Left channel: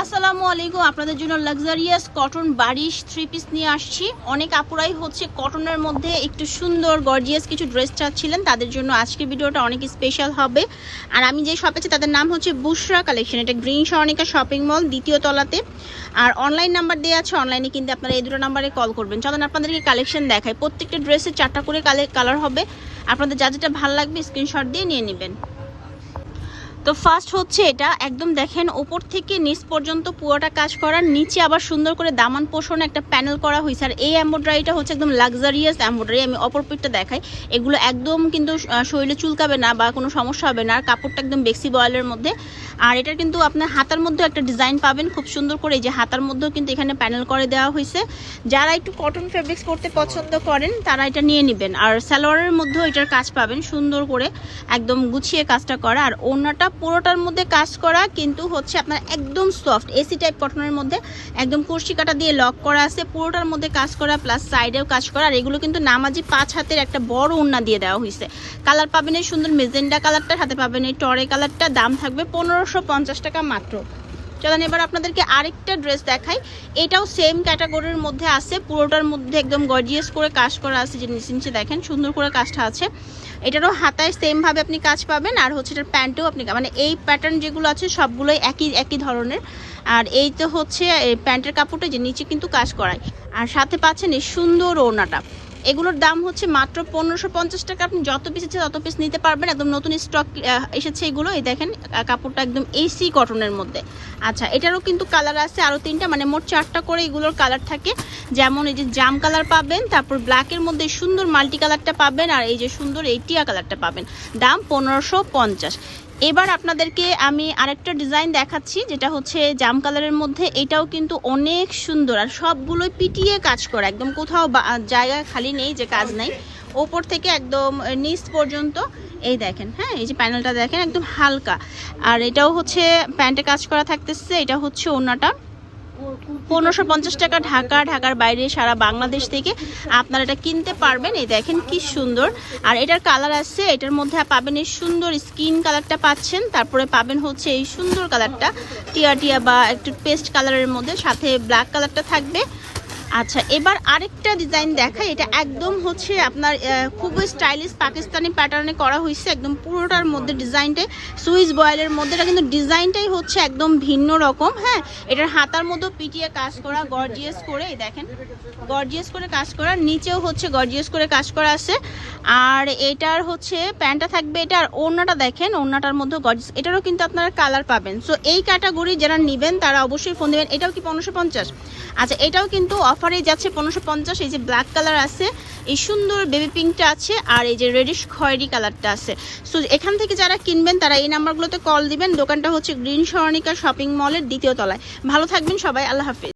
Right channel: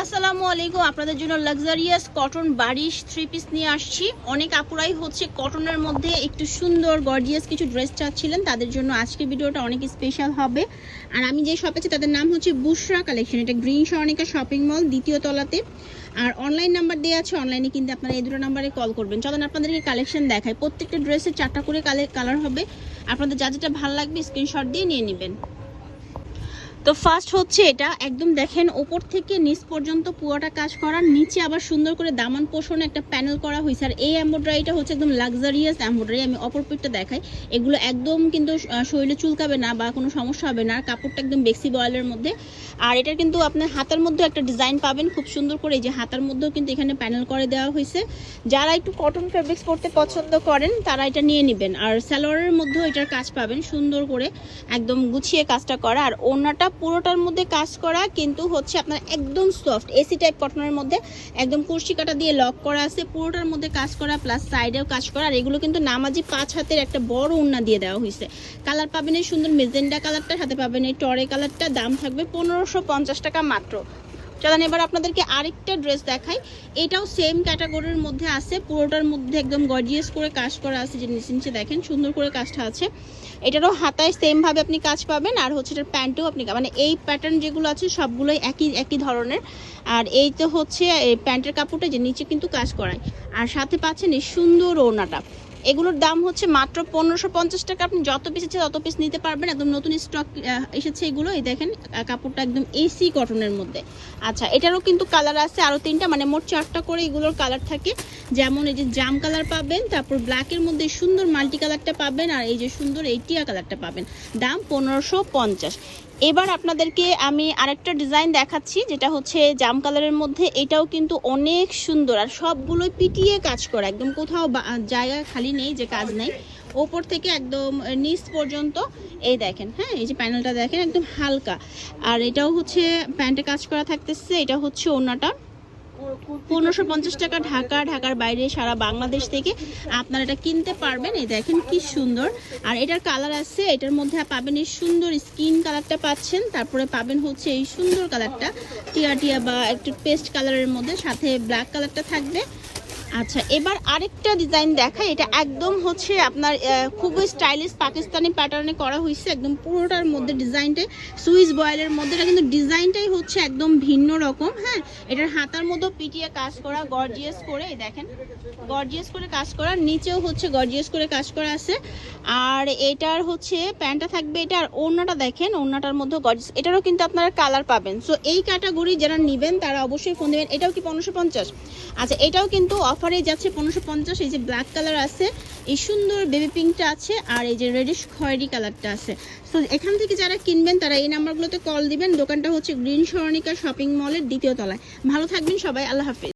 আসসালামু আলাইকুম, আপনাদের জন্য লাক্সারিয়াস কটন বারিশ থ্রি পিস নিয়ে আসছি। অনেক আপুরাই হচ্ছে কটনের মধ্যে একটু সুন্দর গর্জিয়াস কিছু ড্রেস চাচ্ছিলেন। তাদের জন্য আজকের ভিডিওটা অনেক স্পেশাল হবে। আর আমি যে শপে তাদের নাম হচ্ছে বুশরা কালেকশন এটা গ্রিন স্বর্ণিকা শপিং মল দ্বিতীয় তলাতে। আর অনলাইন নাম্বার দেওয়া আছে অনলাইনে কিন্তু আপনারা এই দুটো নাম্বারে কল করবেন। চলেন আপনাদেরকে কালেকশন দেখায় প্রত্যেকটা ড্রেসের চারটা করে কালার হবে। আপনাদের যা যেটা ভালো লাগবে স্ক্রিনশট দিয়ে নিয়ে নেবেন। তো ফার্স্ট হচ্ছে এটা, একদম দেখেন ওপর থেকে নিচ পর্যন্ত পুরোটা কাজ করার নিচে আবার সুন্দর করে দামান পোষণে একটা প্যানেল করা হয়েছে। আর এই এম্ব্রয়ডারিটা হচ্ছে একদম লাক্সারিয়াস এম্ব্রয়ডারি আমি অপর দেখাই। এগুলো একদম কিন্তু শরীরে চুলকাবে না বা কোনো সমস্যা হবে না, আর কাপড়টা একদম বেক্সি বয়েলের মধ্যে। আর এটা কিন্তু আপনার হাতার মধ্যেও একটা ডিজাইন পাবেন, খুব সুন্দর করে। এই যে হাতার মধ্যেও কিন্তু এখানে প্যানেল করে দেওয়া হয়েছে। যারা একটু কটন ফেব্রিক্স পরতে পছন্দ করেন, তারা এটা নিয়ে নেবেন। আর সালোয়ারের মধ্যেও এটার কাজ পাবেন, সুন্দর করে একদম গুছিয়ে কাজটা করা। আর ওড়নাটা পুরোটার মধ্যে কাজ করা, কিন্তু হচ্ছে আপনার একদম সফট এসি টাইপ কটনের মধ্যে। একদম কুর্সি কাটা দিয়ে লক করা আছে, পুরোটার মধ্যে কাজ করা প্লাস সাইডেও কাজ করা। আর এগুলো কিন্তু নামাজি পাঁচ হাতের একটা বড় ওড়না দিয়ে দেওয়া হয়েছে। কালার পাবেন এই সুন্দর মেজেন্ডা কালারটা সাথে পাবেন এই টরে কালারটা, দাম থাকবে পনেরোশো পঞ্চাশ টাকা মাত্র। চলেন এবার আপনাদেরকে আরেকটা ড্রেস দেখাই। এটাও সেম ক্যাটাগরির মধ্যে আছে। পুরোটার মধ্যে একদম গর্জিয়াস করে কাজ করা আছে যে নিচে নিচে দেখেন, সুন্দর করে কাজটা আছে। এটারও হাতায় সেম ভাবে আপনি কাজ পাবেন আর হচ্ছে এটার প্যান্টও আপনি মানে এই প্যাটার্ন যেগুলো আছে সবগুলোই একই একই ধরনের। আর এই তো হচ্ছে প্যান্টের কাপড়টা যে নিচে কিন্তু কাজ করায়। আর সাথে পাচ্ছেন এই সুন্দর ওড়নাটা। এগুলোর দাম হচ্ছে মাত্র পনেরোশো পঞ্চাশ টাকা। আপনি যত পিস আছে তত পিস নিতে পারবেন। একদম নতুন স্টক এসেছে এগুলো। এই দেখেন কাপড়টা একদম এসি কটনের মধ্যে। আচ্ছা এটারও কিন্তু কালার আছে আরও তিনটা। মানে মোট চারটা করে এগুলোর কালার থাকে। যেমন এই যে জাম কালার পাবেন, তারপর ব্ল্যাকের মধ্যে সুন্দর মাল্টি কালারটা পাবেন, আর এই যে সুন্দর এই টিয়া কালারটা পাবেন। দাম পনেরোশো পঞ্চাশ। এবার আপনাদেরকে আমি আরেকটা ডিজাইন দেখাচ্ছি, যেটা হচ্ছে জাম কালারের মধ্যে। এটাও কিন্তু অনেক সুন্দর, আর সবগুলোই পিটিয়ে কাজ করা। একদম কোথাও জায়গা খালি নেই যে কাজ নেই। ওপর থেকে একদম নিচ পর্যন্ত, এই দেখেন হ্যাঁ এই যে প্যানেলটা দেখেন, একদম হালকা। আর এটাও হচ্ছে প্যান্টে কাজ করা থাকতেছে, এটা হচ্ছে ওনাটা। পনেরোশো পঞ্চাশ টাকা ঢাকা, ঢাকার বাইরে সারা বাংলাদেশ থেকে আপনারা এটা কিনতে পারবেন। এই দেখেন কি সুন্দর। আর এটার কালার আছে, এটার মধ্যে পাবেন এই সুন্দর স্কিন কালারটা পাচ্ছেন। তারপরে পাবেন হচ্ছে এই সুন্দর কালারটা, টিয়া টিয়া বা একটু পেস্ট কালারের মধ্যে, সাথে ব্ল্যাক কালারটা থাকবে। আচ্ছা এবার আরেকটা ডিজাইন দেখাই। এটা একদম হচ্ছে আপনার খুবই স্টাইলিশ পাকিস্তানি প্যাটার্নে করা হয়েছে। একদম পুরোটার মধ্যে ডিজাইনটাই সুইচ বয়েলের মধ্যে। এটা কিন্তু ডিজাইনটাই হচ্ছে একদম ভিন্ন রকম হ্যাঁ? এটার হাতার মধ্যেও পিটিয়ে কাজ করা গর্জিয়াস করে দেখেন গর্জিয়াস করে কাজ করা। নিচেও হচ্ছে গর্জিয়াস করে কাজ করা আছে। আর এটার হচ্ছে প্যান্টটা থাকবে এটা, আর ওড়নাটা দেখেন, ওড়নাটার মধ্যে গর্জিয়াস এটারও কিন্তু আপনারা কালার পাবেন। সো এই ক্যাটাগরি যারা নেবেন, তারা অবশ্যই ফোন দেবেন। এটাও কি পনেরোশো পঞ্চাশ? আচ্ছা এটাও কিন্তু অফারে যাচ্ছে পনেরোশো পঞ্চাশ, এই যে ব্ল্যাক কালার আছে, এই সুন্দর বেবি পিঙ্কটা আছে, আর এই যে রেডিশ খয়েরি কালারটা আছে। সো এখান থেকে যারা কিনবেন, তারা এই নাম্বারগুলোতে কল দিবেন। দোকানটা হচ্ছে গ্রিন স্বর্ণিকা শপিং মলের দ্বিতীয় তলায়। ভালো থাকবেন সবাই, আল্লাহ হাফিজ।